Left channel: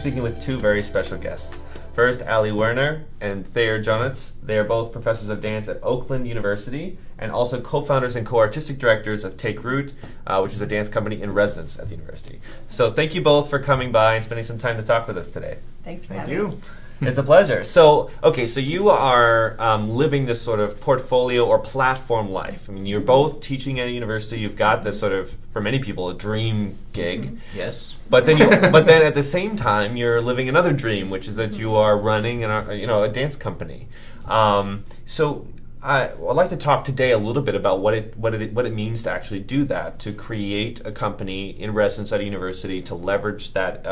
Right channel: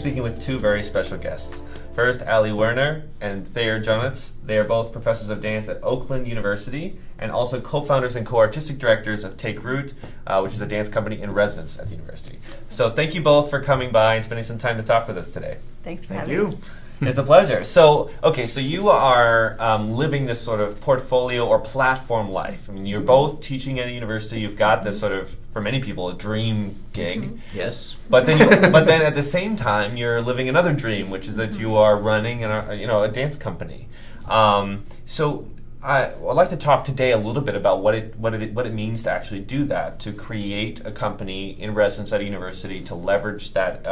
speaking with two very special guests. First, Woerner and Thayer Jonutz. They are both professors of dance at Oakland University and also co-founders and co-artistic directors of Take Root, which is a dance company in residence at the university. So thank you both for coming by and spending some time to talk with us today. Thanks for having us. It's a pleasure. So you are living this sort of portfolio or platform life. I mean, you're both teaching at a university. You've got this sort of, for many people, a dream gig. Yes. But then at the same time, you're living another dream, which is that you are running a dance company. I'd like to talk today a little bit about what it means to actually do that, to create a company in residence at a university, to leverage that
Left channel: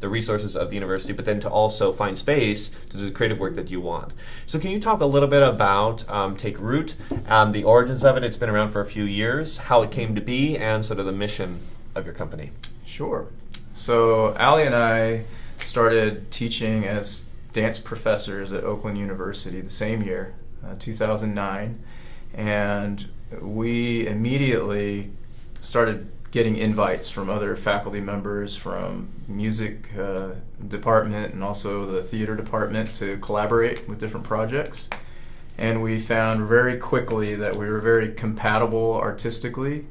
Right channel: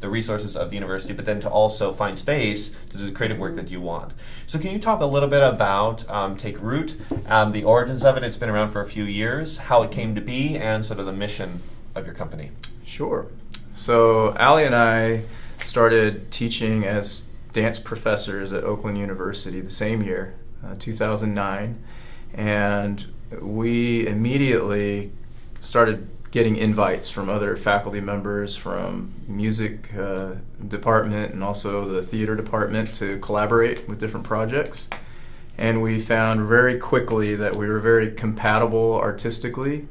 the resources of the university, but then to also find space to do the creative work that you want. So can you talk a little bit about Take Root, the origins of it? It's been around for a few years, how it came to be, and sort of the mission of your company. Sure. So Ali and I started teaching as dance professors at Oakland University the same year, 2009, and we immediately started getting invites from other faculty members from music department and also the theater department to collaborate with different projects. And we found very quickly that we were very compatible artistically,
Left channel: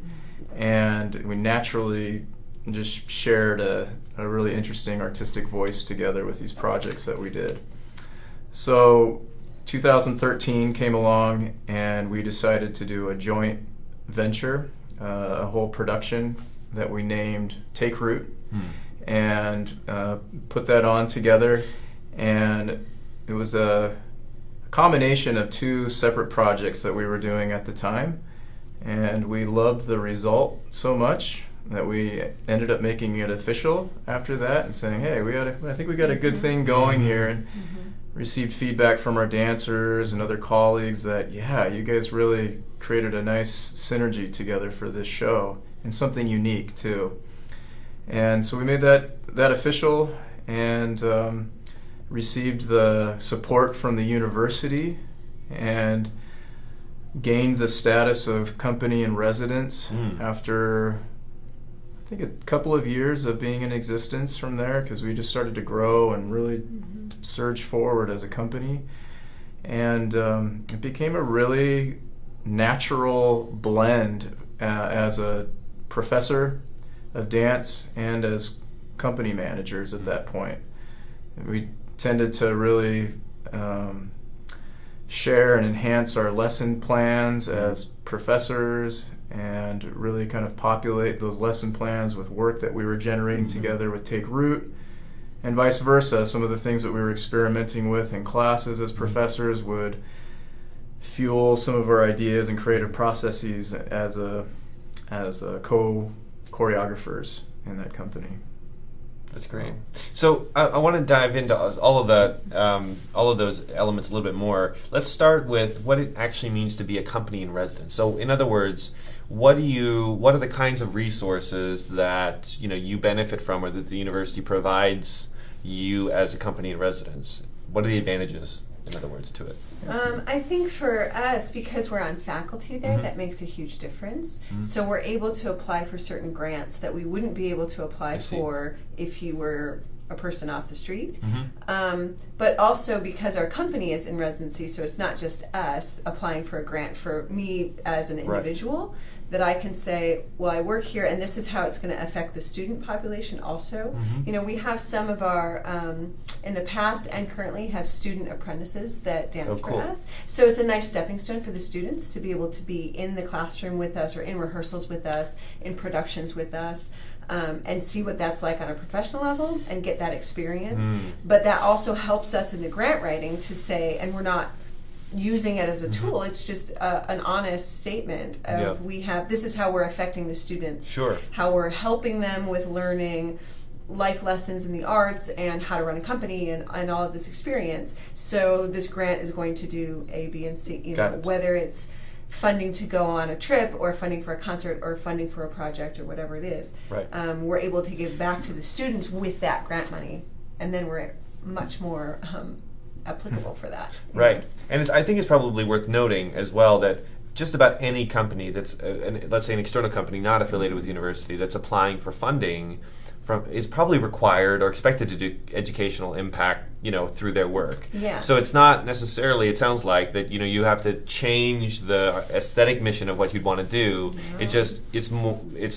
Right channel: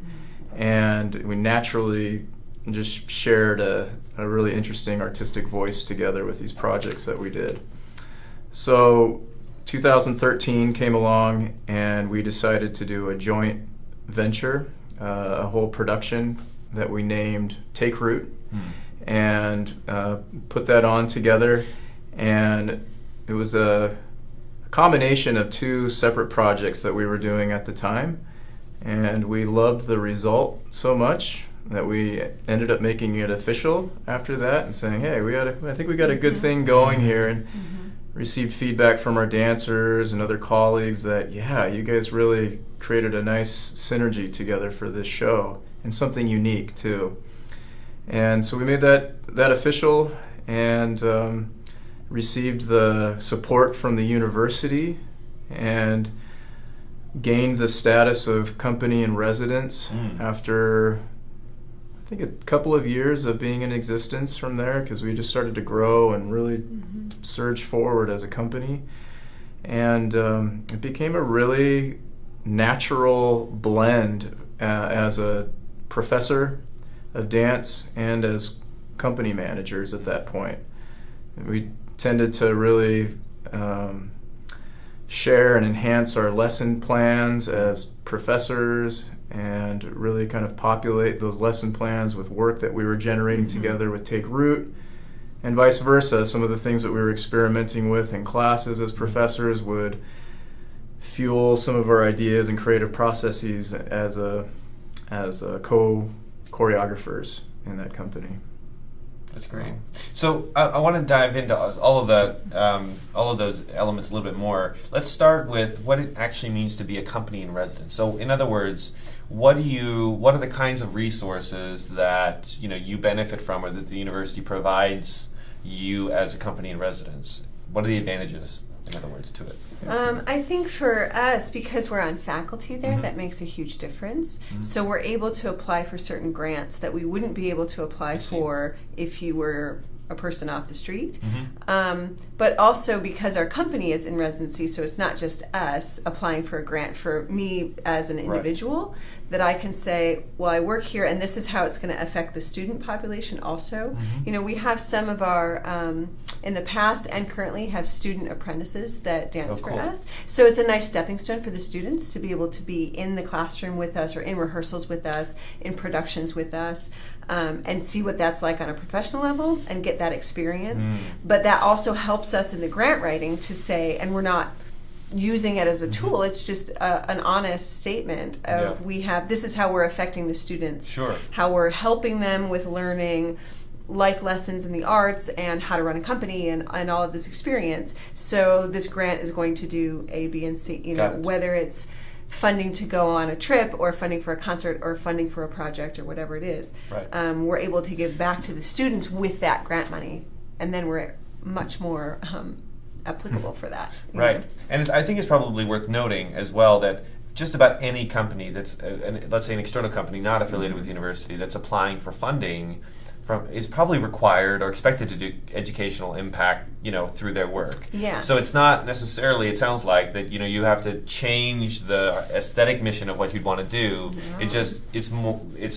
and we naturally just shared a really interesting artistic voice together with these projects that we did. So 2013 came along, and we decided to do a joint venture, a whole production that we named Take Root, and put that on together. And it was a combination of two separate projects that we were doing at the time, and we loved the result so much that we ended up making it official after that and saying, hey, I think we got a good thing going here. And received feedback from our dancers and other colleagues that, yeah, you guys really created a nice synergy together for this show, and something unique too. And so we made that official, and received the support from the university and gained the status of company in residence after I think a couple of years of being in existence from there, because we just started to grow and really surge forward as a company. And it became a really natural blend as a professor of dance and as company managers at that point. We tended to really share and enhance our lesson plans as professors and really kind of populate those lesson plans with work that we were generating together with Take Root, and vice versa. Some of the things that we were experimenting with in classes as professors would fuel some of our ideas and creative processes as co-choreographers in that company. That's great. So I want to dive into all of those elements a little bit more. Let's start with what it actually means to be a company in residence. So, in other words, what are the kinds of resources that you benefit from, or that the university provides you as a company in residence? What are the advantages, in other words, to it? I think for us, because we're on faculty there, that makes a huge difference. So we're able to apply for certain grants that we wouldn't be able to apply for if you were a person off the street. But also because our company is in residency, so it's not just us applying for a grant for me as an individual, that I can say, well, I work here and this is how it's going to affect the student population also. We have some of our, in the past and currently have student apprentices that dance for us. So it's a nice stepping stone for the students to be able to be in the classroom with us, or in rehearsals with us, in productions with us. And see what that's like on a professional level and get that experience. But that also helps us in the grant writing to say, and we're not using it as a tool, it's just an honest statement of this is how we're affecting the students, how we're helping them with learning life lessons in the arts and how to run a company and all of this experience. So this grant is going to do A, B, and C, whether it's funding to go on a trip or funding for a concert or funding for a project or whatever it is. We're able to give back to the students with that grant money, and then we're much more applicable for that. And I think it's probably worth noting as well that just about any company that's, let's say an external company not affiliated with the university, that's applying for funding is probably required or expected to do educational impact, through their work. Yeah. So it's not necessarily, it sounds like that, you have to change the aesthetic mission of what you'd want to do. Yeah. It's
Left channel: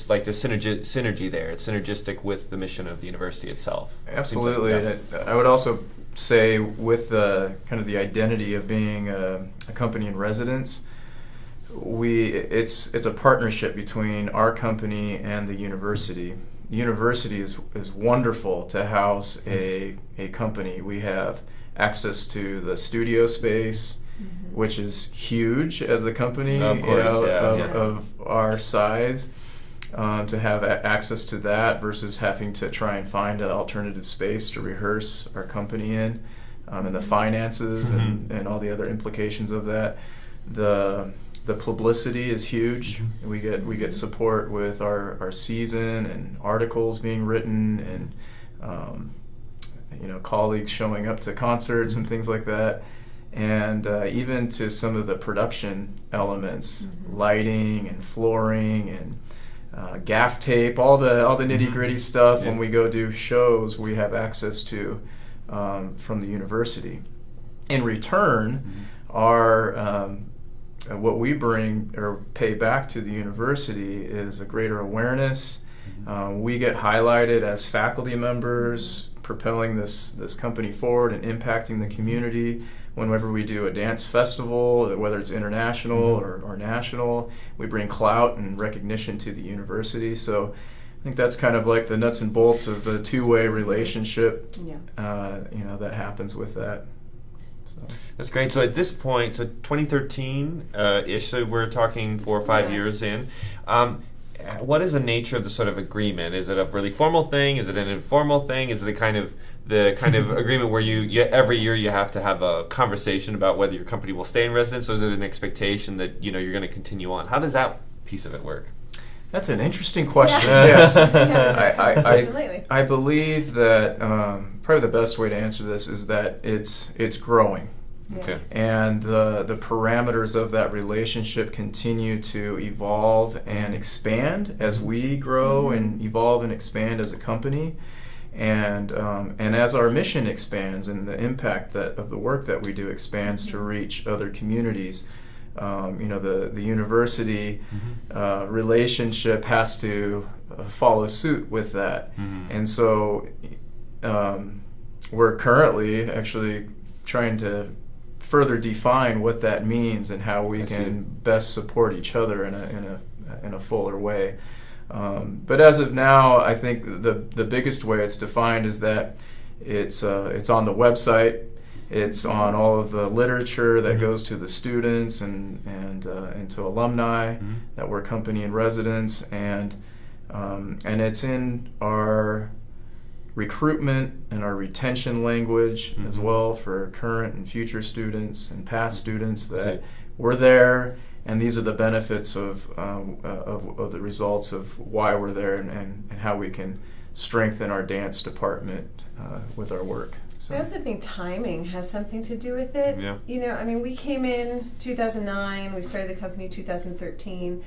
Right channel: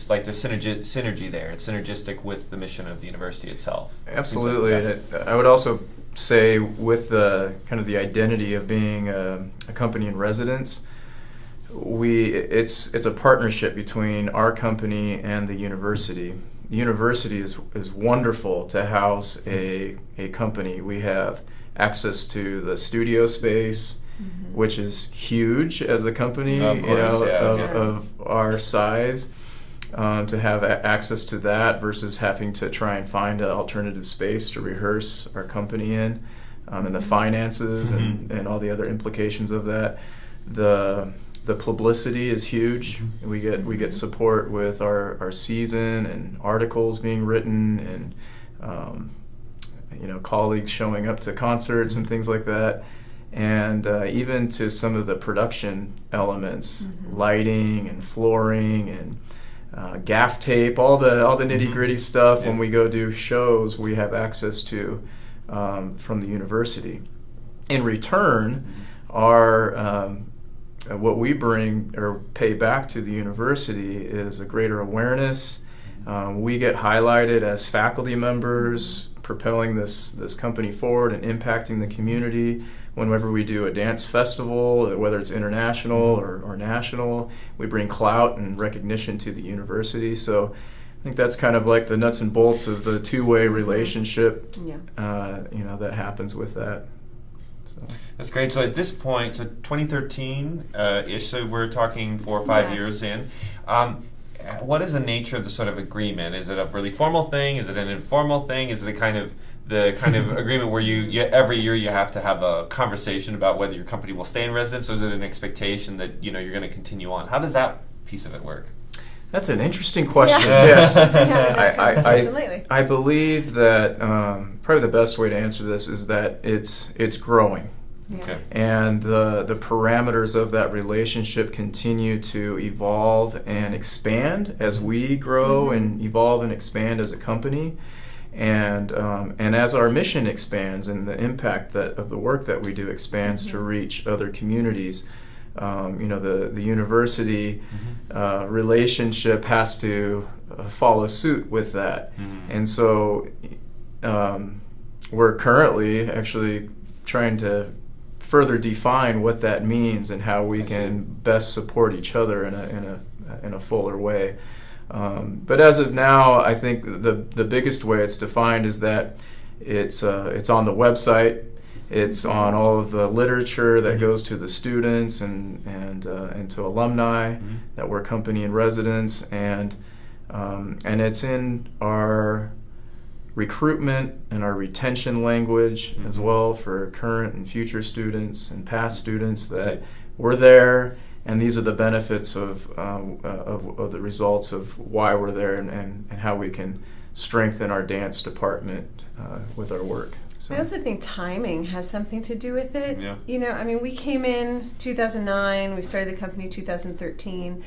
like the synergy there. It's synergistic with the mission of the university itself. Absolutely. And I would also say with the kind of the identity of being a company in residence, it's a partnership between our company and the university. The university is wonderful to house a company. We have access to the studio space, which is huge as a company, of our size. To have access to that versus having to try and find an alternative space to rehearse our company in, and the finances and all the other implications of that. The publicity is huge. We get support with our season and articles being written and colleagues showing up to concerts and things like that, and even to some of the production elements, lighting and flooring and gaff tape, all the nitty gritty stuff. When we go do shows, we have access to from the university. In return, our what we bring or pay back to the university is a greater awareness. We get highlighted as faculty members, propelling this company forward and impacting the community. Whenever we do a dance festival, whether it's international or national, we bring clout and recognition to the university. So I think that's kind of like the nuts and bolts of the two-way relationship, that happens with that. So. That's great. So at this point, 2013-ish, so we're talking 4 or 5 years in. What is the nature of the sort of agreement? Is it a really formal thing? Is it an informal thing? Is it the kind of agreement where you every year you have to have a conversation about whether your company will stay in residence, or is it an expectation that you're going to continue on? How does that piece of it work? That's an interesting question. Yes, I believe that probably the best way to answer this is that it's growing. Okay. And the parameters of that relationship continue to evolve and expand as we grow and evolve and expand as a company, and as our mission expands and the impact of the work that we do expands to reach other communities. The university relationship has to follow suit with that, and so we're currently actually trying to further define what that means and how we can best support each other in a fuller way. But as of now, I think the biggest way it's defined is that it's on the website. It's on all of the literature that goes to the students and to alumni that we're company in residence, and it's in our recruitment and our retention language as well for current and future students and past students that we're there, and these are the benefits of the results of why we're there and how we can strengthen our dance department with our work. So. I also think timing has something to do with it. Yeah. We came in 2009, we started the company in 2013,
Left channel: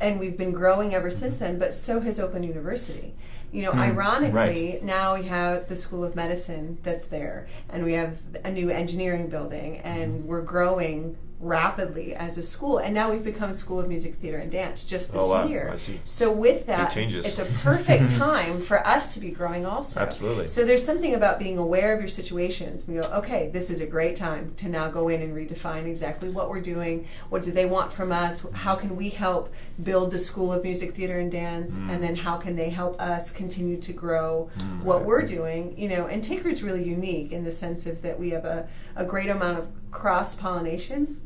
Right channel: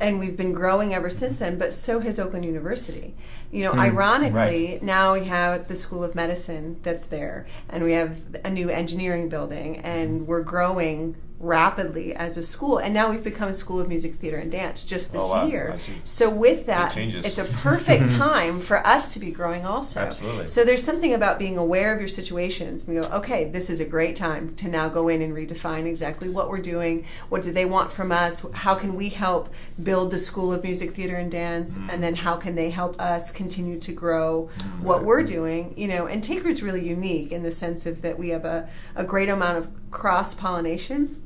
and we've been growing ever since then, but so has Oakland University. Ironically, now we have the School of Medicine that's there, and we have a new engineering building, and we're growing rapidly as a school, and now we've become a School of Music, Theater, and Dance just this year. So with that, it's a perfect time for us to be growing also. Absolutely. So there's something about being aware of your situations. We go, okay, this is a great time to now go in and redefine exactly what we're doing. What do they want from us? How can we help build the School of Music, Theater, and Dance? And then how can they help us continue to grow what we're doing? And Tinkered's really unique in the sense of that we have a great amount of cross-pollination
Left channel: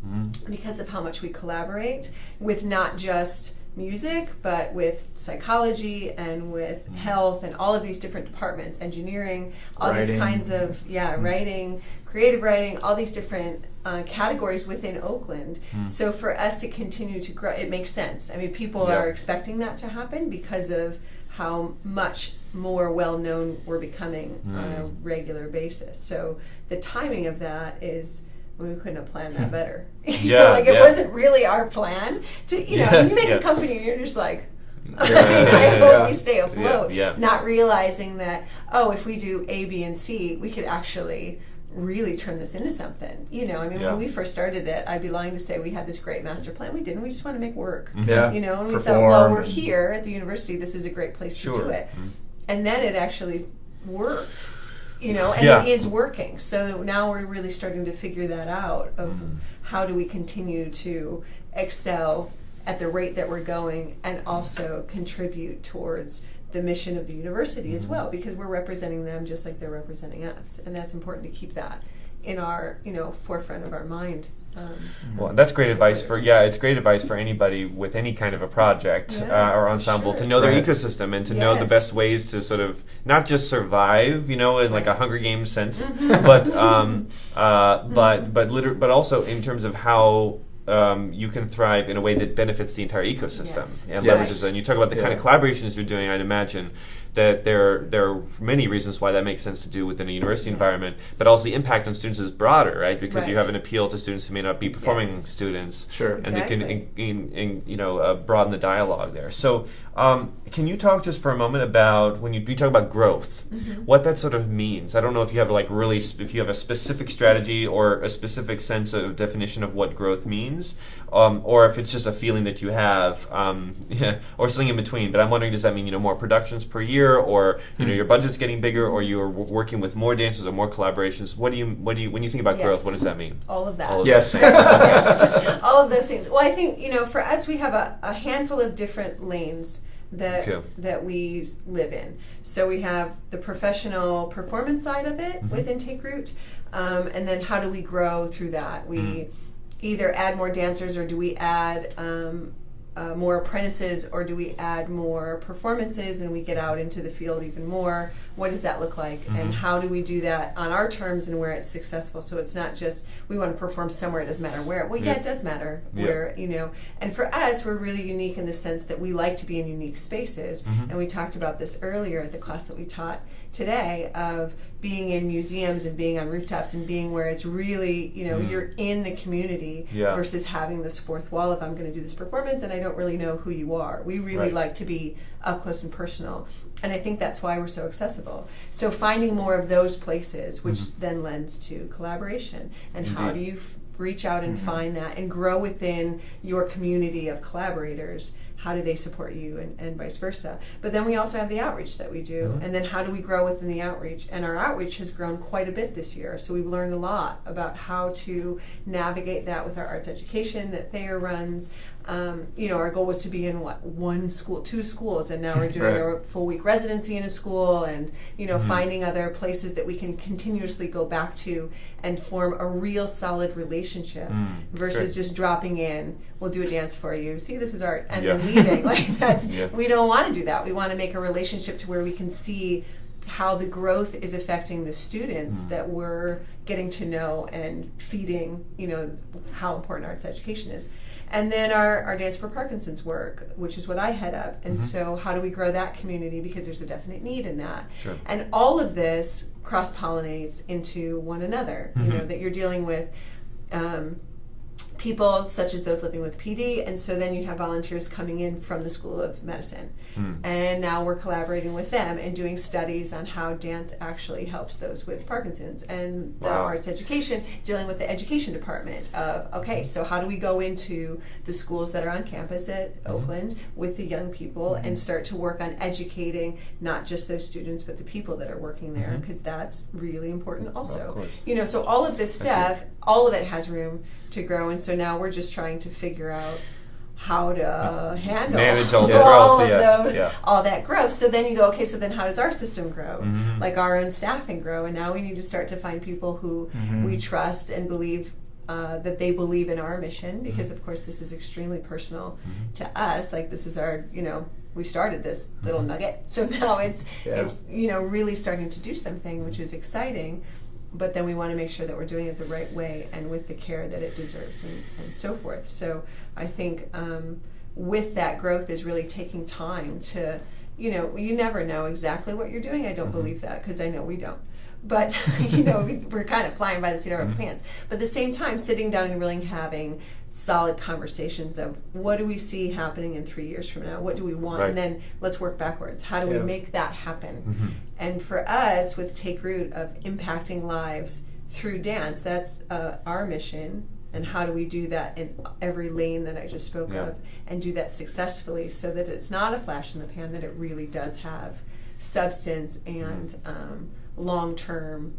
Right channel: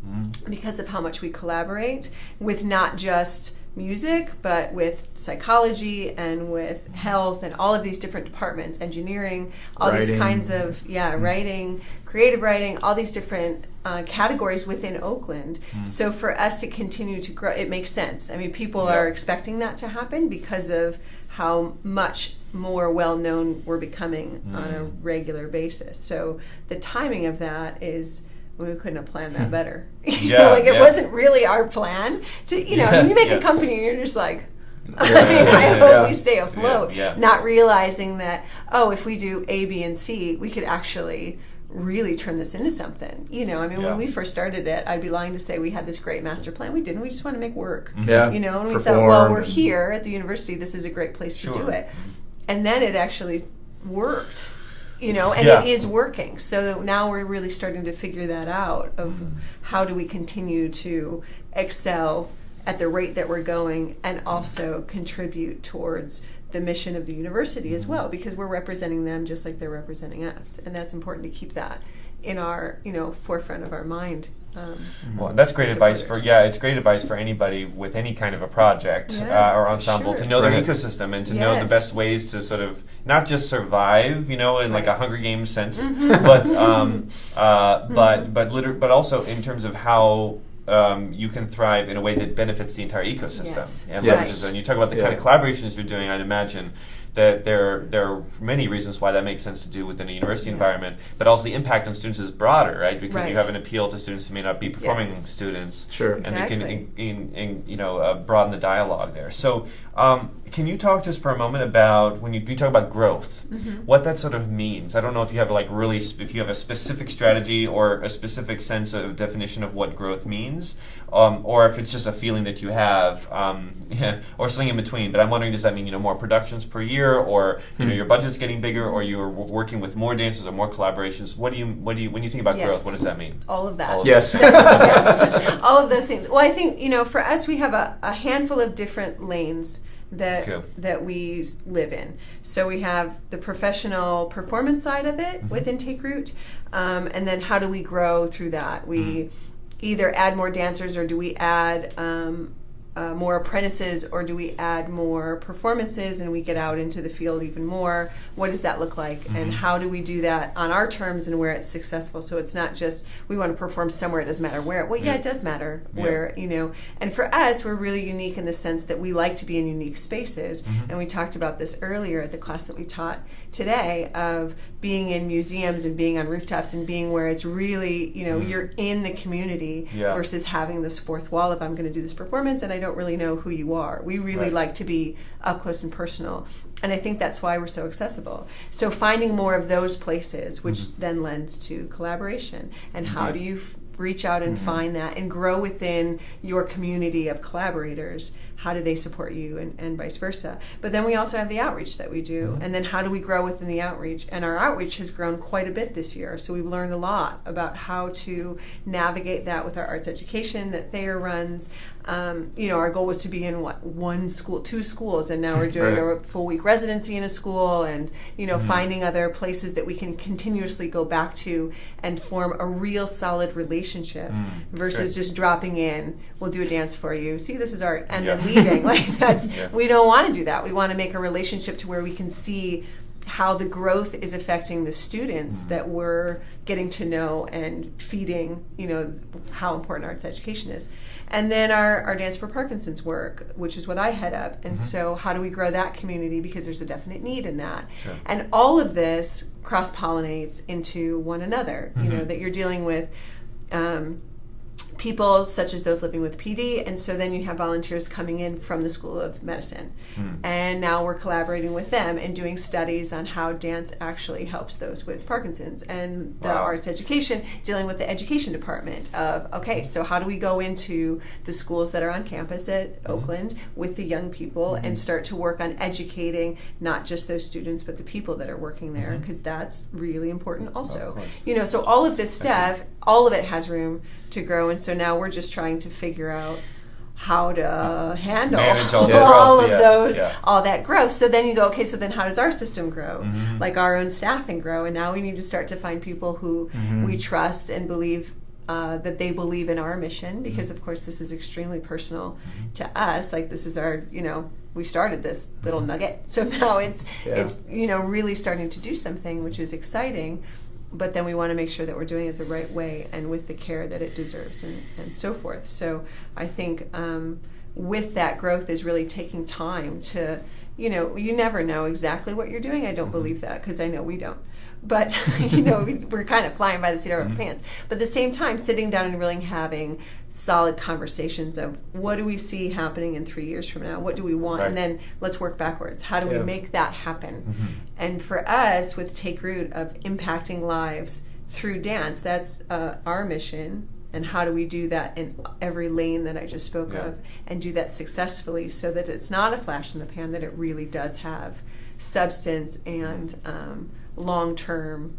because of how much we collaborate with not just music, but with psychology and with health and all of these different departments, engineering, all writing. These kinds of, writing, creative writing, all these different categories within Oakland. So for us to continue to grow, it makes sense. I mean, people are expecting that to happen because of how much more well-known we're becoming on a regular basis. So the timing of that is... we couldn't have planned that better. It wasn't really our plan to, when you make a company, you're just like, I mean, I hope we stay afloat. Not realizing that, if we do A, B, and C, we could actually really turn this into something. When we first started it, I'd be lying to say we had this great master plan. We didn't. We just want to make work. Yeah. And we thought, we're here at the university. This is a great place to do it. And then it actually worked. It is working. So now we're really starting to figure that out of how do we continue to excel at the rate that we're going and also contribute towards the mission of the university as well, because we're representing them just like they're representing us, and that's important to keep that in our forefront of our mind. Well, that's great advice it's great advice for anybody with any kind of a project or ensemble to know their ecosystem and to know the best ways to sort of not just survive, in like a Hunger Games sense, but also in terms of how you can thrive in a way that benefits the entire ecosystem. And you talk about the kind of collaborations you're doing, I'd imagine that there are many reasons why that makes sense to do within a university environment, but also the impact on students is broader, right? Because you have an appeal to students who may not be performing students, and they can broaden the dialogue there. So can you talk just for a moment about when you talk about growth, what that sort of means? I don't know if you have if you have a specific strategy or a specific sense of definition of what growth means, or if it's just a feeling that you have, or something in between. But I'm wondering, does that mean more productions per year, or your budget's getting bigger, or you're working with more dancers or more collaborations? What do you when you think about growth, what does that mean? All of that. Yes. All of those things. Well, I think for us, we have a handful of different lanes that we live in. So we have the professional performance side of it with Intake Route, and then how do we grow through that? We either add more dancers, or do we add more apprentices, or do we add more performances and we get out into the field even more? What does that look like, and how do we do that on our terms and where it's successful? So it's not just we want to perform somewhere, it doesn't matter where. Well, it does matter where, and for us, we're really unique in the sense that we like to be in unique spaces, and we talked about this earlier at the class that we taught today, of being in museums and being on rooftops and being where it's really, you're in the community versus having this fourth wall of I'm going to do this performance and I don't really know who you are. We really like to be up close and personal, and I think that's why we're so accessible. So finding more of those places, which then lends to collaboration, and how do you reach out and find that and grow within your community of collaborators? How do they support you, and vice versa? But then we also have the outreach that we do, and then how do we grow within the outreach? And our outreach has grown quite a bit this year, so we've learned a lot about how to navigate that with our arts education that Thayer runs. Our goal was to be in one school, 2 schools, and now we're doing a full week residency in a school, and finding other places that we can continuously go back to and form a real solid relationship versus just dropping in. We'll do a dance for you. See, this is art, and then leaving. We don't want to do that. We want to make a relationship to where we can see how the growth is affecting the students that we're getting to know and feeding, how important arts education is. And then our Dance for Parkinson's work, which is what I head up. And so how do we grow that community? Because there's a definite need in that. Sure. And all of this cross-pollinates into one another, that you're dealing with people such as those living with PD, and so then you have volunteers coming in from the School of Medicine. And now we're collaborating with them and doing studies on how dance actually helps those with Parkinson's, and the arts education dealing with the education department of, okay, so how do we go into the schools that are on campus at Oakland with the young people and start to work on educating not just those students but the people that are working there, because that's really important also. So all of this stuff, all of it has room to grow, and so now we're just trying to figure out how to handle all of those, all that growth. So then you go, okay, so then how does our system grow? Like our own staffing grow, and now we need to start to find people who we trust and believe that they believe in our mission, because of course this is extremely personal to us. Like this is our, we started this little nugget, so now it's really starting to do something, which is exciting. But then we want to make sure that we're doing it the right way and with the care that it deserves, and so forth. So I think with that growth is really taking time to, you never know exactly what you're doing. I don't believe that, because I know we don't. but we're kind of flying by the seat of our pants. But at the same time, sitting down and really having solid conversations of what do we see happening in 3 years from now? What do we want? Right. And then let's work backwards. How do we make that happen? And for us, with Take Root of impacting lives through dance, that's our mission. And how do we do that in every lane that I just spoke of, and do that successfully so that it's not a flash in the pan, that it really does have substance and long-term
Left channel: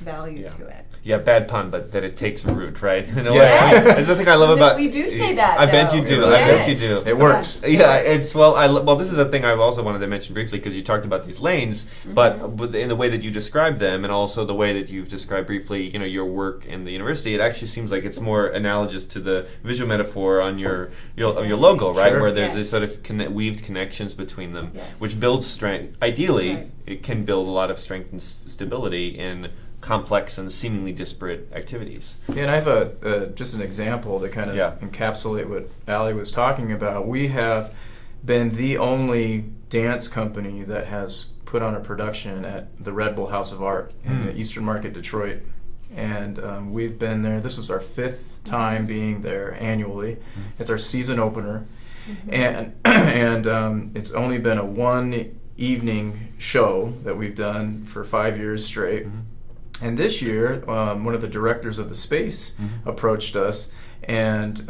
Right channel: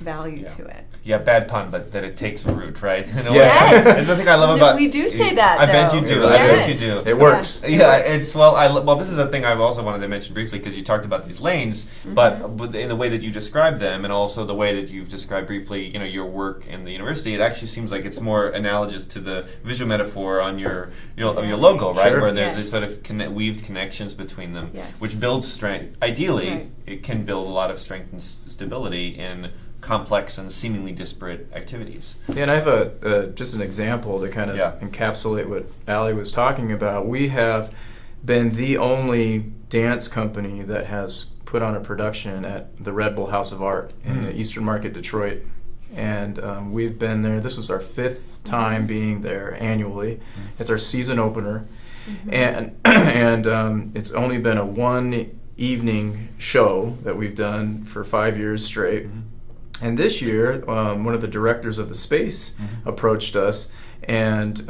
value to it. Yeah, bad pun, but that it takes root, right? Yes. That's the thing I love about. We do say that. I bet you do. Really I bet you do. It works. Yeah, it's well. This is a thing I also wanted to mention briefly because you talked about these lanes, but in the way that you describe them, and also the way that you've described briefly, your work in the university, it actually seems like it's more analogous to the visual metaphor on your logo, right? Sure. Where there's this sort of weaved connections between them, which builds strength. Ideally, it can build a lot of strength and stability in complex and seemingly disparate activities. Yeah, and I have just an example to kind of encapsulate what Allie was talking about. We have been the only dance company that has put on a production at the Red Bull House of Art in the Eastern Market, Detroit. And we've been there. This was our 5th time being there annually. It's our season opener. And it's only been a 1 evening show that we've done for 5 years straight. And this year, one of the directors of the space approached us and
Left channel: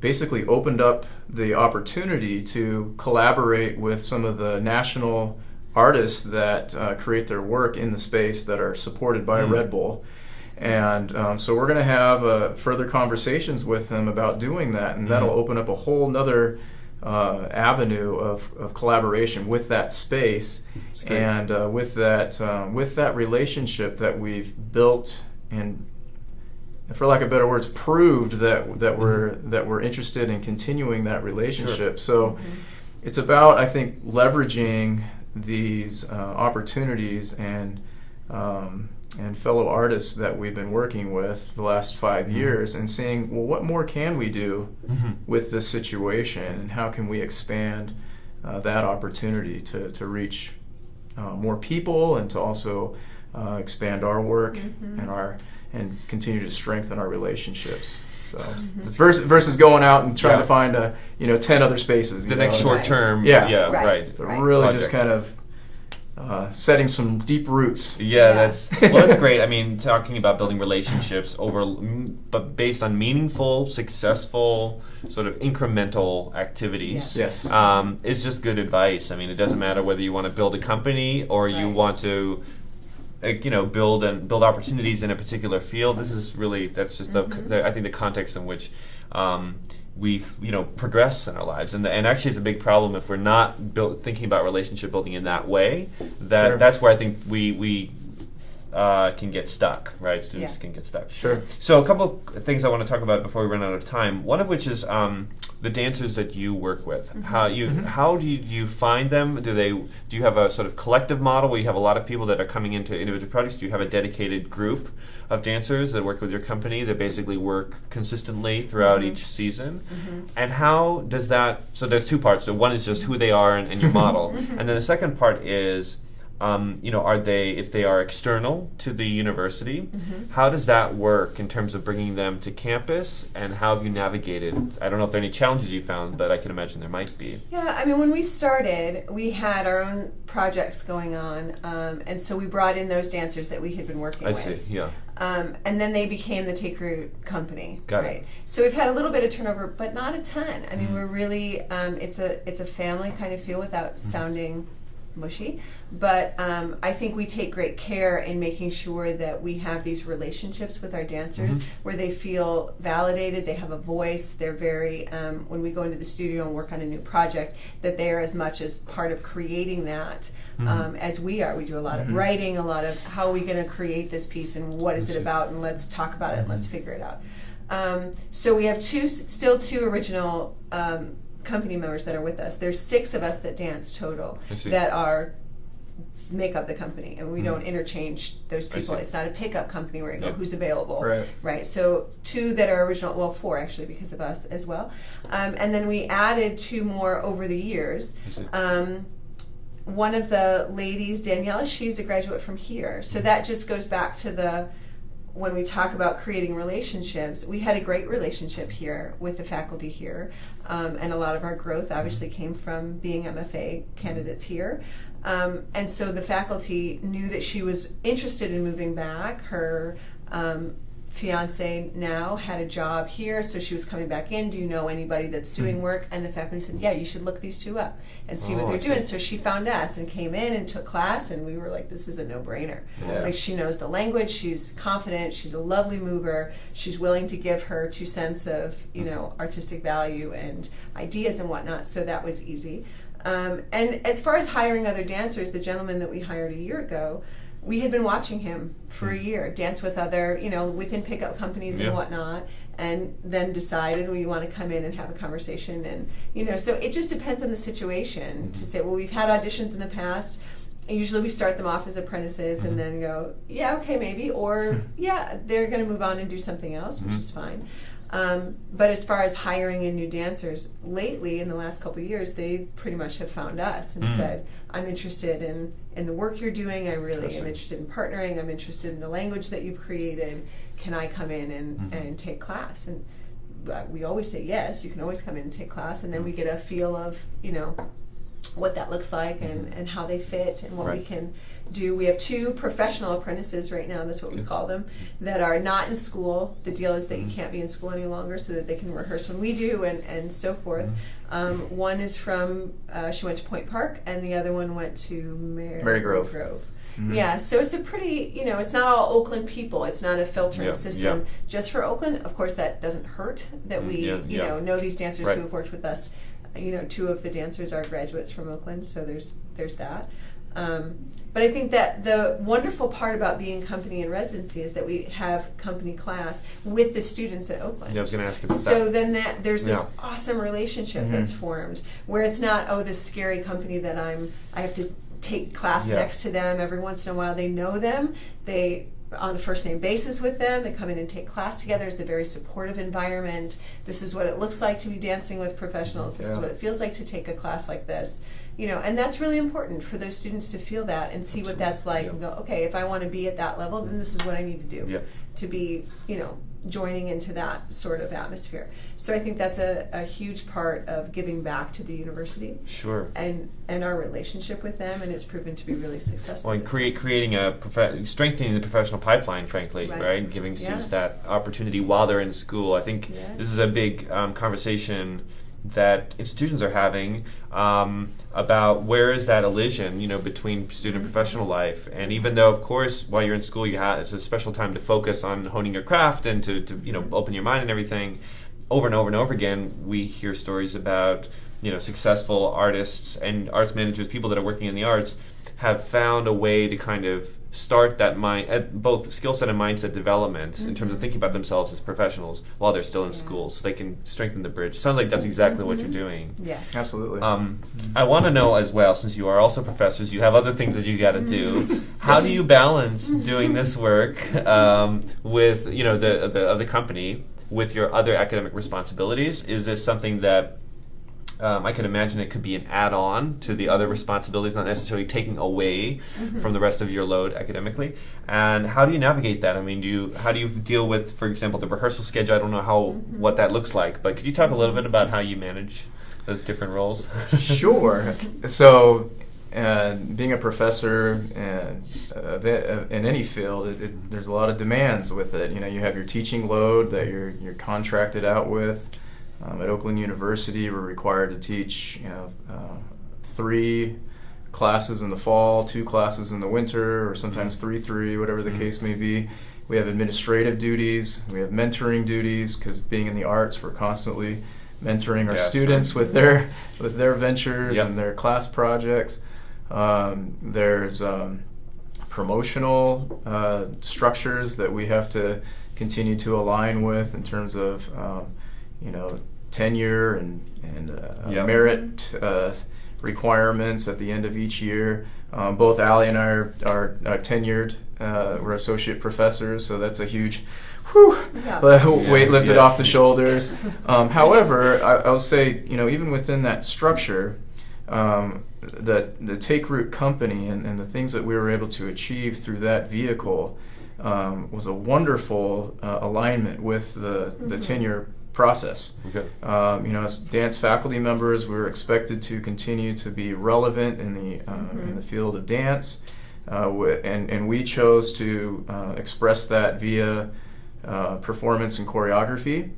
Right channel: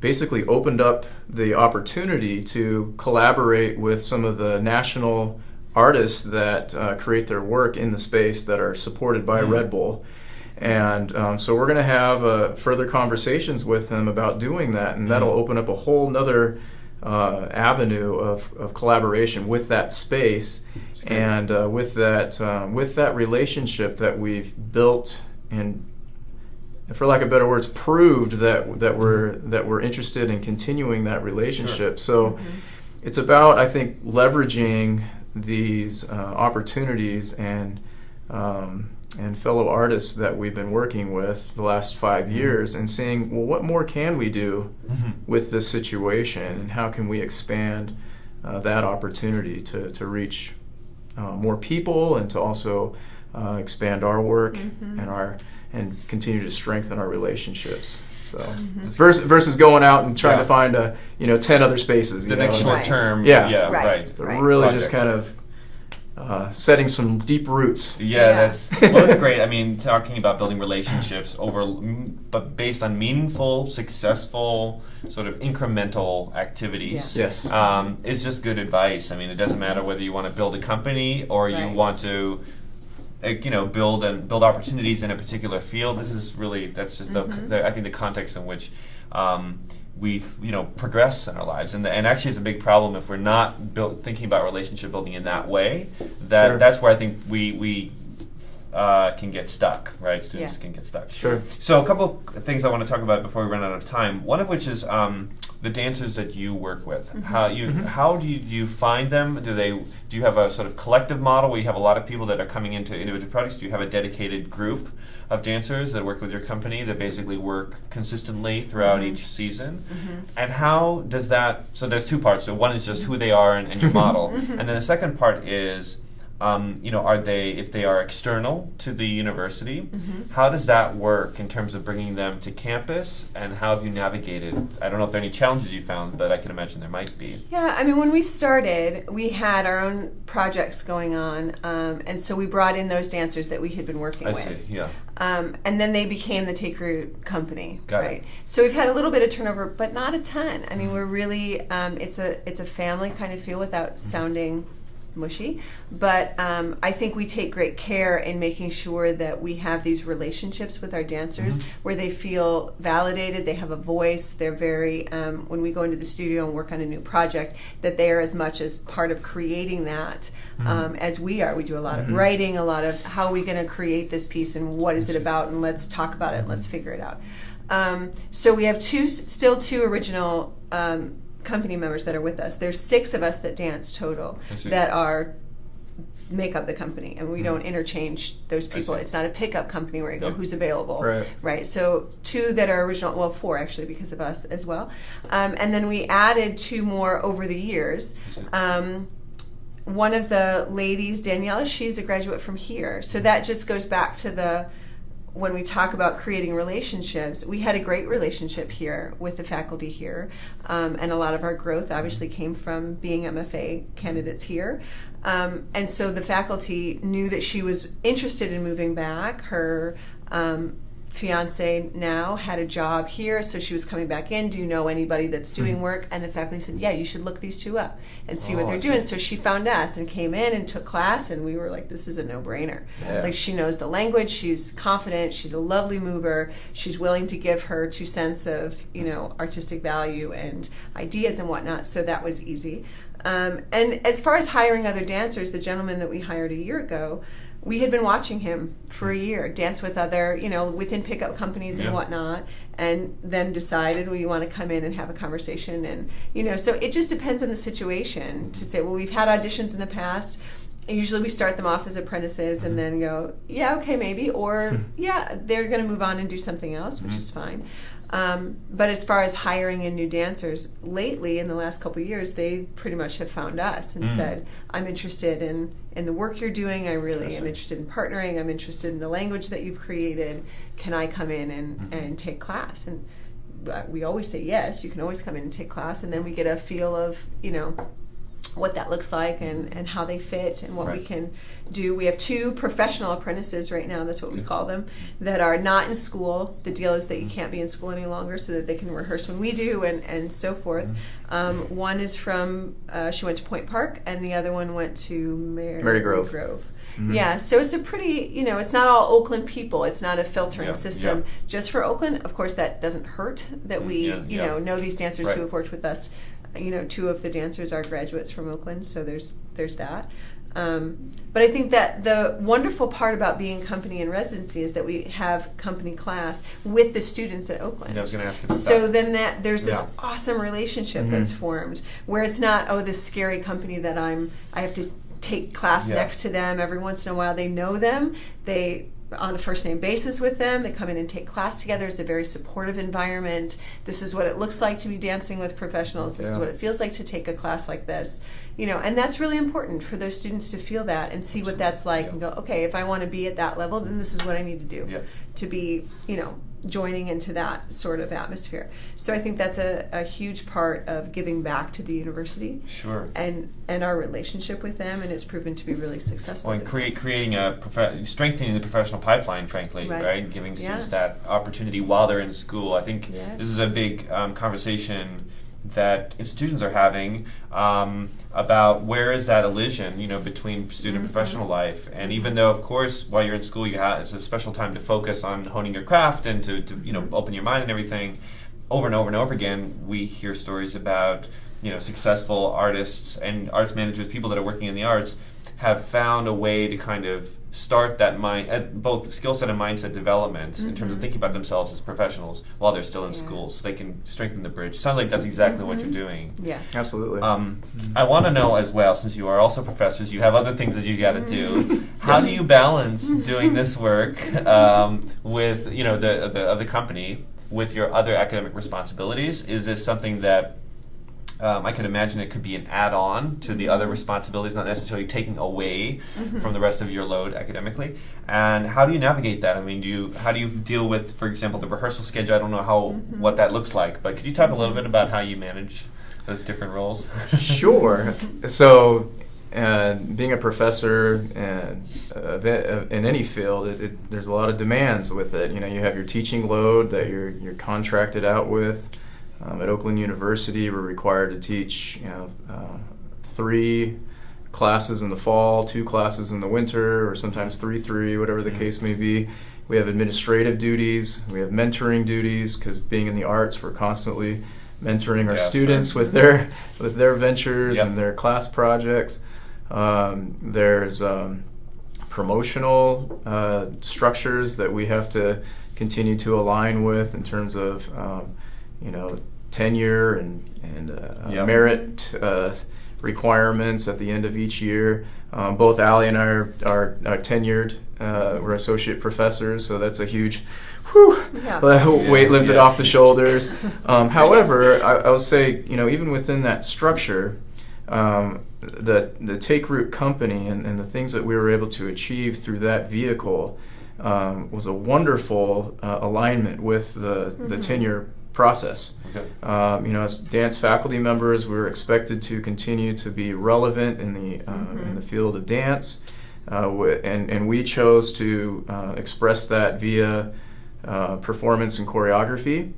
basically opened up the opportunity to collaborate with some of the national artists that create their work in the space that are supported by Red Bull. And so we're going to have further conversations with them about doing that, and that'll open up a whole nother avenue of collaboration with that space, and with that relationship that we've built, and for lack of better words, proved that we're interested in continuing that relationship. So it's about, I think, leveraging these opportunities and fellow artists that we've been working with the last 5 years, and seeing, well, what more can we do with this situation, and how can we expand that opportunity to reach more people, and to also expand our work and continue to strengthen our relationships. So versus going out and trying to find 10 other spaces. The next short term. But really project. Just kind of setting some deep roots. That's great. I mean, talking about building relationships but based on meaningful, successful, sort of incremental activities. Is just good advice. I mean, it doesn't matter whether you want to build a company or you want to, build opportunities in a particular field. That's just I think the context in which we've progressed in our lives, and actually it's a big problem if we're not thinking about relationship building in that way. That's where I think we can get stuck, right? Students can get stuck. So a couple of things I want to talk about before we run out of time. One of which is the dancers that you work with. How do you find them? Do you have a sort of collective model where you have a lot of people that are coming into individual projects? Do you have a dedicated group of dancers that work with your company that basically work consistently throughout each season? And how does that, so there's two parts. So one is just who they are and your model. And then the second part is, if they are external to the university, how does that work in terms of bringing them to campus, and how have you navigated? I don't know if there are any challenges you found, but I can imagine there might be. Yeah, I mean, when we started, we had our own projects going on, and so we brought in those dancers that we had been working with. I see, yeah. And then they became the Take Root company, Got right? it. So we've had a little bit of turnover, but not a ton. I mean, we're really it's a family kind of feel without sounding mushy, but I think we take great care in making sure that we have these relationships with our dancers where they feel validated, they have a voice, they're very, when we go into the studio and work on a new project, that they are as much as part of creating that as we are. We do a lot of writing, a lot of how are we going to create this piece and what is it about, and let's talk about it and let's figure it out. So we have still two original company members that are with us. There's 6 of us that dance total that make up the company, and we don't interchange those people. It's not a pickup company where you go, who's available, right? So 2 that are original, well, 4 actually because of us as well, and then we added 2 more over the years. one of the ladies, Daniela, she's a graduate from here. So that just goes back to when we talk about creating relationships, we had a great relationship here with the faculty here. And a lot of our growth obviously came from being MFA candidates here. And so the faculty knew that she was interested in moving back. Her fiance now had a job here, so she was coming back in. Do you know anybody that's doing work? And the faculty said, yeah, you should look these two up and see what they're doing. So she found us and came in and took class, and we were like, this is a no-brainer. Yeah. Like, she knows the language, she's confident, she's a lovely mover, she's willing to give her 2 cents of, artistic value and ideas and whatnot, so that was easy. And as far as hiring other dancers, the gentleman that we hired a year ago, we had been watching him for a year, dance with other, within pickup companies and whatnot, and then decided, well, you want to come in and have a conversation. And, so it just depends on the situation to say, well, we've had auditions in the past. Usually we start them off as apprentices and then go, yeah, okay, maybe. Or, yeah, they're going to move on and do something else, which is fine. But as far as hiring in new dancers, lately in the last couple of years, they pretty much have found us and said, I'm interested in the work you're doing. I really am interested in partnering. I'm interested in the language that you've created. Can I come in and take class? And we always say yes. You can always come in and take class. And then we get a feel of, what that looks like and how they fit and what we can do. We have 2 professional apprentices right now, that's what we call them, that are not in school. The deal is that you can't be in school any longer so that they can rehearse when we do and so forth. One is from, she went to Point Park, and the other one went to Mary Grove. Yeah, so it's a pretty, it's not all Oakland people. It's not a filtering system just for Oakland. Of course, that doesn't hurt that we, know these dancers who have worked with us. 2 of the dancers are graduates from Oakland, so there's that. But I think that the wonderful part about being company in residency is that we have company class with the students at Oakland. Yeah, I was going to ask you about so then there's this awesome relationship that's formed where it's not, this scary company that I have to take class next to them every once in a while. They know them. They on a first name basis with them. They come in and take class together. It's a very supportive environment. This is what it looks like to be dancing with professionals. This is what it feels like to take a class like this. And that's really important for those students to feel that and see what that's like and go, okay, if I want to be at that level, then this is what I need to do to be, joining into that sort of atmosphere. So I think that's a huge part of giving back to the university. Sure. And our relationship with them, and it's proven to be really successful. Well, and creating strengthening the professional pipeline, frankly, right? Giving students that opportunity while they're in school. I think this is a big conversation that institutions are having about where is that elision, between student and professional life. And even though, of course, while you're in school, it's a special time to focus on honing your craft and to open your mind and everything. Over and over and over again, we hear stories about successful artists and arts managers, people that are working in the arts, have found a way to kind of start that both skill set and mindset development in terms of thinking about themselves as professionals while they're still in school, so they can strengthen the bridge. Sounds like that's exactly what you're doing. Yeah, absolutely. I want to know as well, since you are also professors, you have other things that you got to do. How do you balance doing this work with the company with your other academic responsibilities? Is this something that I can imagine it could be an add-on to the other responsibilities, not necessarily taking away from the rest of your load academically? And how do you navigate that? I mean, how do you deal with, for example, the rehearsal schedule? I don't know what that looks like, but could you talk a little bit about how you manage those different roles? Sure. So, being a professor in any field, there's a lot of demands with it. You have your teaching load that you're contracted out with. At Oakland University, we're required to teach 3 classes in the fall, 2 classes in the winter, or sometimes 3, whatever the case may be. We have administrative duties. We have mentoring duties, because being in the arts, we're constantly mentoring our students with their ventures and their class projects. There's promotional structures that we have to continue to align with in terms of tenure and merit requirements at the end of each year. Both Allie and I are tenured. We're associate professors, so that's a huge weight lifted off the shoulders. However, I will say, even within that structure, the Take Root company and the things that we were able to achieve through that vehicle was a wonderful alignment with the tenure process. Okay. As dance faculty members, we were expected to continue to be relevant in the field of dance, and we chose to express that via performance and choreography.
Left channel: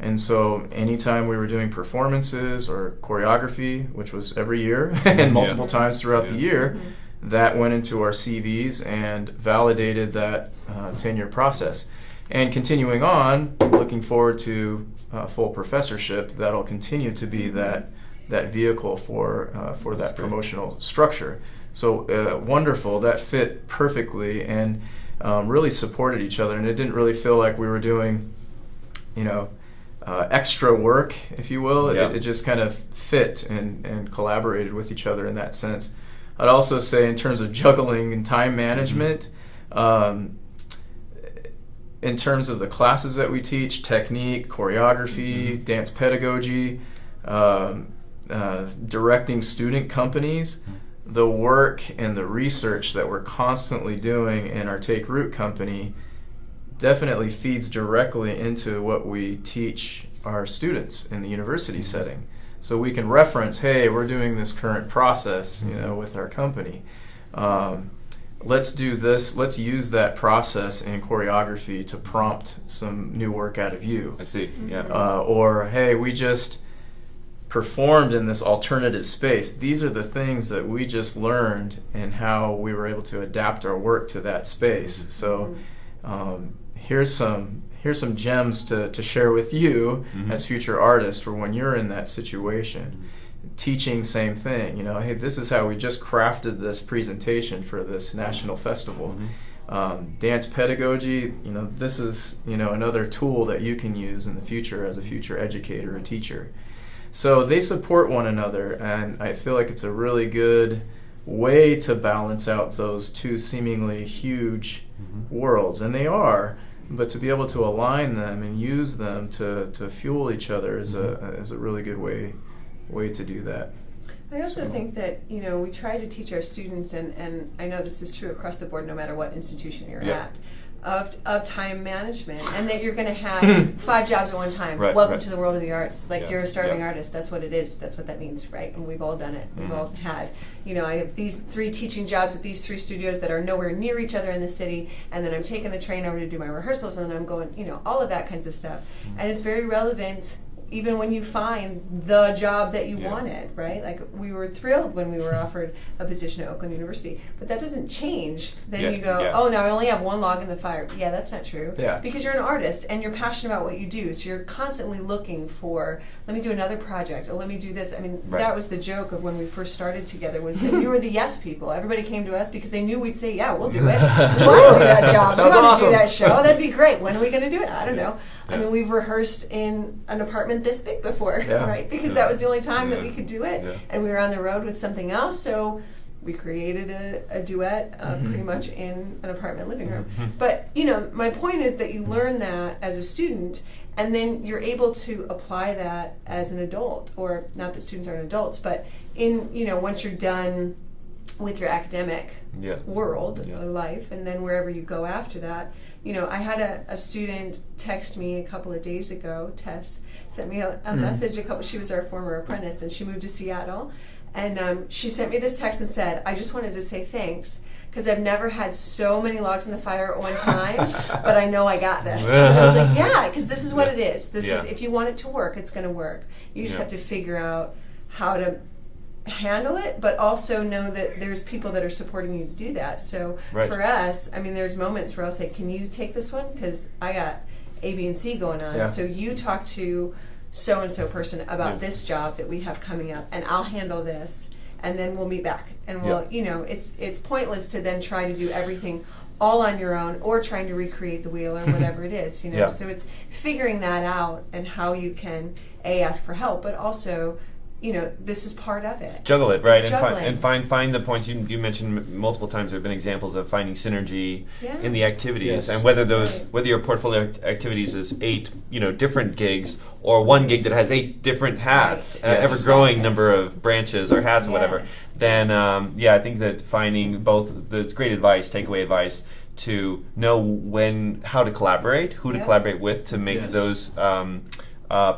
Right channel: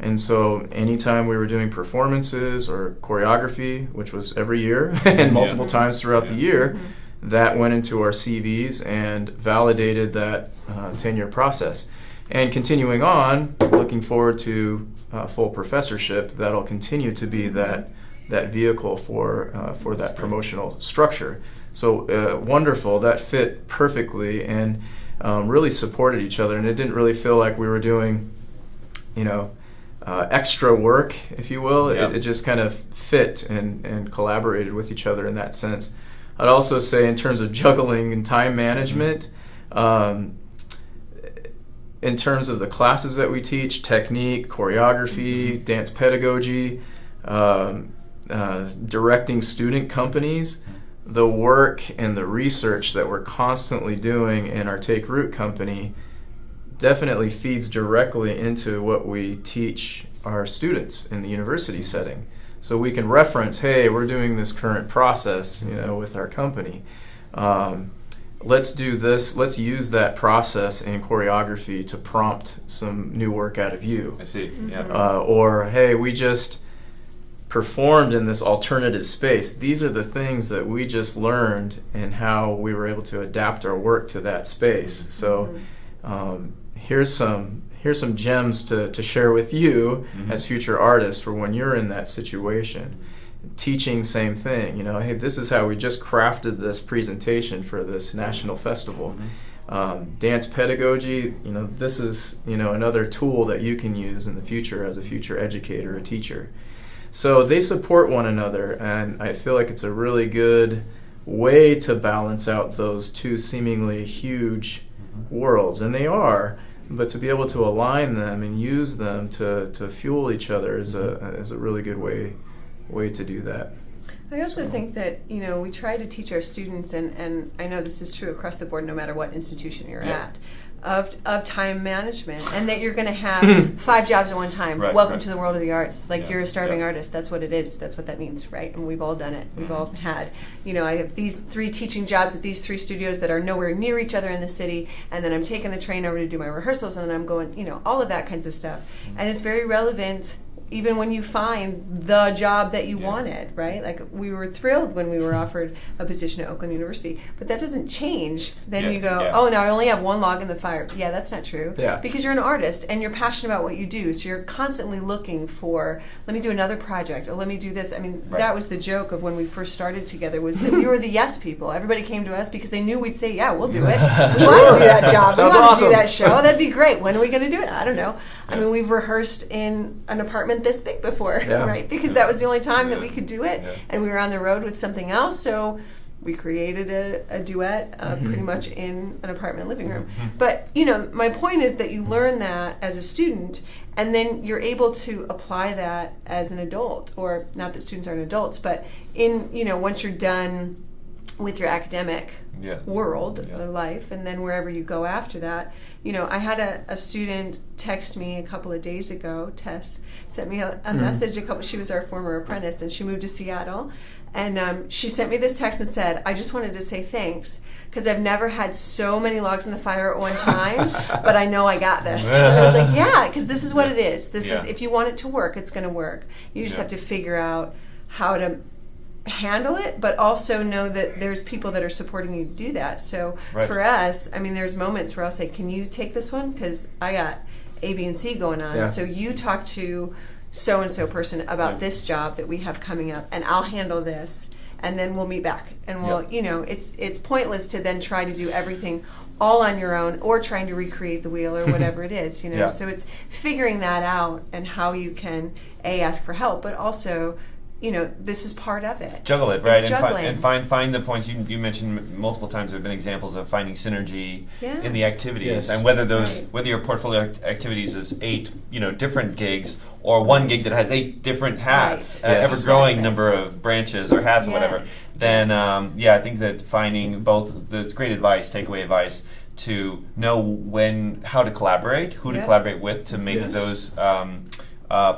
And so anytime we were doing performances or choreography, which was every year and multiple times throughout the year, that went into our CVs and validated that tenure process. And continuing on, looking forward to full professorship, that'll continue to be that vehicle for that promotional structure. So wonderful, that fit perfectly and really supported each other, and it didn't really feel like we were doing, extra work, if you will. Yeah. It just kind of fit and collaborated with each other in that sense. I'd also say in terms of juggling and time management, in terms of the classes that we teach, technique, choreography, dance pedagogy, directing student companies, the work and the research that we're constantly doing in our Take Root company definitely feeds directly into what we teach our students in the university setting. So we can reference, hey, we're doing this current process, with our company. Let's do this. Let's use that process in choreography to prompt some new work out of you. I see. Yeah. Or, hey, we just performed in this alternative space. These are the things that we just learned and how we were able to adapt our work to that space. So here's some gems to share with you as future artists for when you're in that situation. Teaching, same thing. Hey, this is how we just crafted this presentation for this national festival. Dance pedagogy, this is another tool that you can use in the future as a future educator or teacher. So they support one another, and I feel like it's a really good way to balance out those two seemingly huge worlds, and they are. But to be able to align them and use them to fuel each other is a really good way to do that. I also think that, we try to teach our students, and I know this is true across the board no matter what institution you're at, of time management, and that you're going to have 5 jobs at one time. Welcome to the world of the arts. You're a starving artist. That's what it is. That's what that means, right? And we've all done it. We've all had, I have these 3 teaching jobs at these 3 studios that are nowhere near each other in the city, and then I'm taking the train over to do my rehearsals, and I'm going, all of that kinds of stuff. And it's very relevant even when you find the job that you wanted, right? We were thrilled when we were offered a position at Oakland University, but that doesn't change. Then you go, oh, now I only have 1 log in the fire. Yeah, that's not true. Yeah. Because you're an artist and you're passionate about what you do, so you're constantly looking for, let me do another project, or let me do this. I mean, that was the joke of when we first started together, was that we were the yes people. Everybody came to us because they knew we'd say, yeah, we'll do it. We want to do that job. We want to do that show. That'd be great. When are we going to do it? I don't know. I mean, we've rehearsed in an apartment this big before, right? Because that was the only time that we could do it, and we were on the road with something else, so we created a duet pretty much in an apartment living room. But, my point is that you learn that as a student, and then you're able to apply that as an adult, or not that students aren't adults, but in, once you're done with your academic world, life, and then wherever you go after that. I had a student text me a couple of days ago. Tess sent me a message. She was our former apprentice, and she moved to Seattle. And she sent me this text and said, I just wanted to say thanks, because I've never had so many logs in the fire at one time, but I know I got this. And I was like, yeah, because this is what it is. This is, if you want it to work, it's going to work. You just have to figure out how to handle it, but also know that there's people that are supporting you to do that. So for us, I mean, there's moments where I'll say, can you take this one? Because I got A, B, and C going on. So you talk to so-and-so person about this job that we have coming up, and I'll handle this, and then we'll meet back. And we'll, it's pointless to then try to do everything all on your own, or trying to recreate the wheel, or whatever it is, So it's figuring that out, and how you can, A, ask for help, but also this is part of it. Juggle it, right? It's And find the points. You mentioned multiple times there have been examples of finding synergy in the activities, Yes. and whether your portfolio activities is 8 different gigs or one gig that has 8 different hats, Right. Yes. ever growing number of branches or hats or whatever. Yes. Then I think that finding both that's great advice, takeaway advice, to know how to collaborate, who to collaborate with to make Yes. those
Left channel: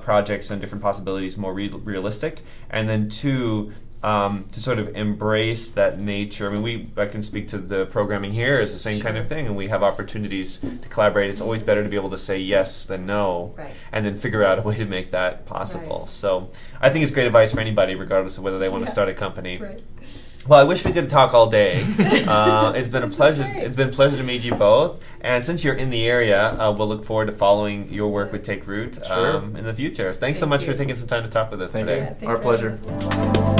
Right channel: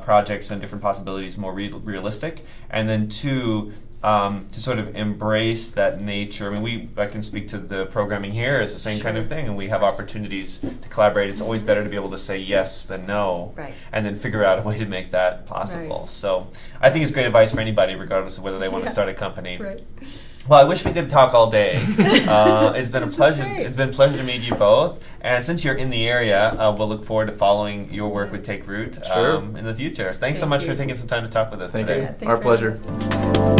projects and different possibilities more realistic, and then 2, to sort of embrace that nature. I mean, I can speak to the programming here as the same kind of thing, and we have opportunities to collaborate. It's always better to be able to say yes than no, Right. and then figure out a way to make that possible. Right. So I think it's great advice for anybody, regardless of whether they want to start a company. Right. Well, I wish we could talk all day. It's been a This is pleasure. great. It's been a pleasure to meet you both. And since you're in the area, we'll look forward to following your work with Take Root Sure. in the future. Thanks so Thank much you. for taking some time to talk with us Thank today. you. Thanks Our for pleasure. having us.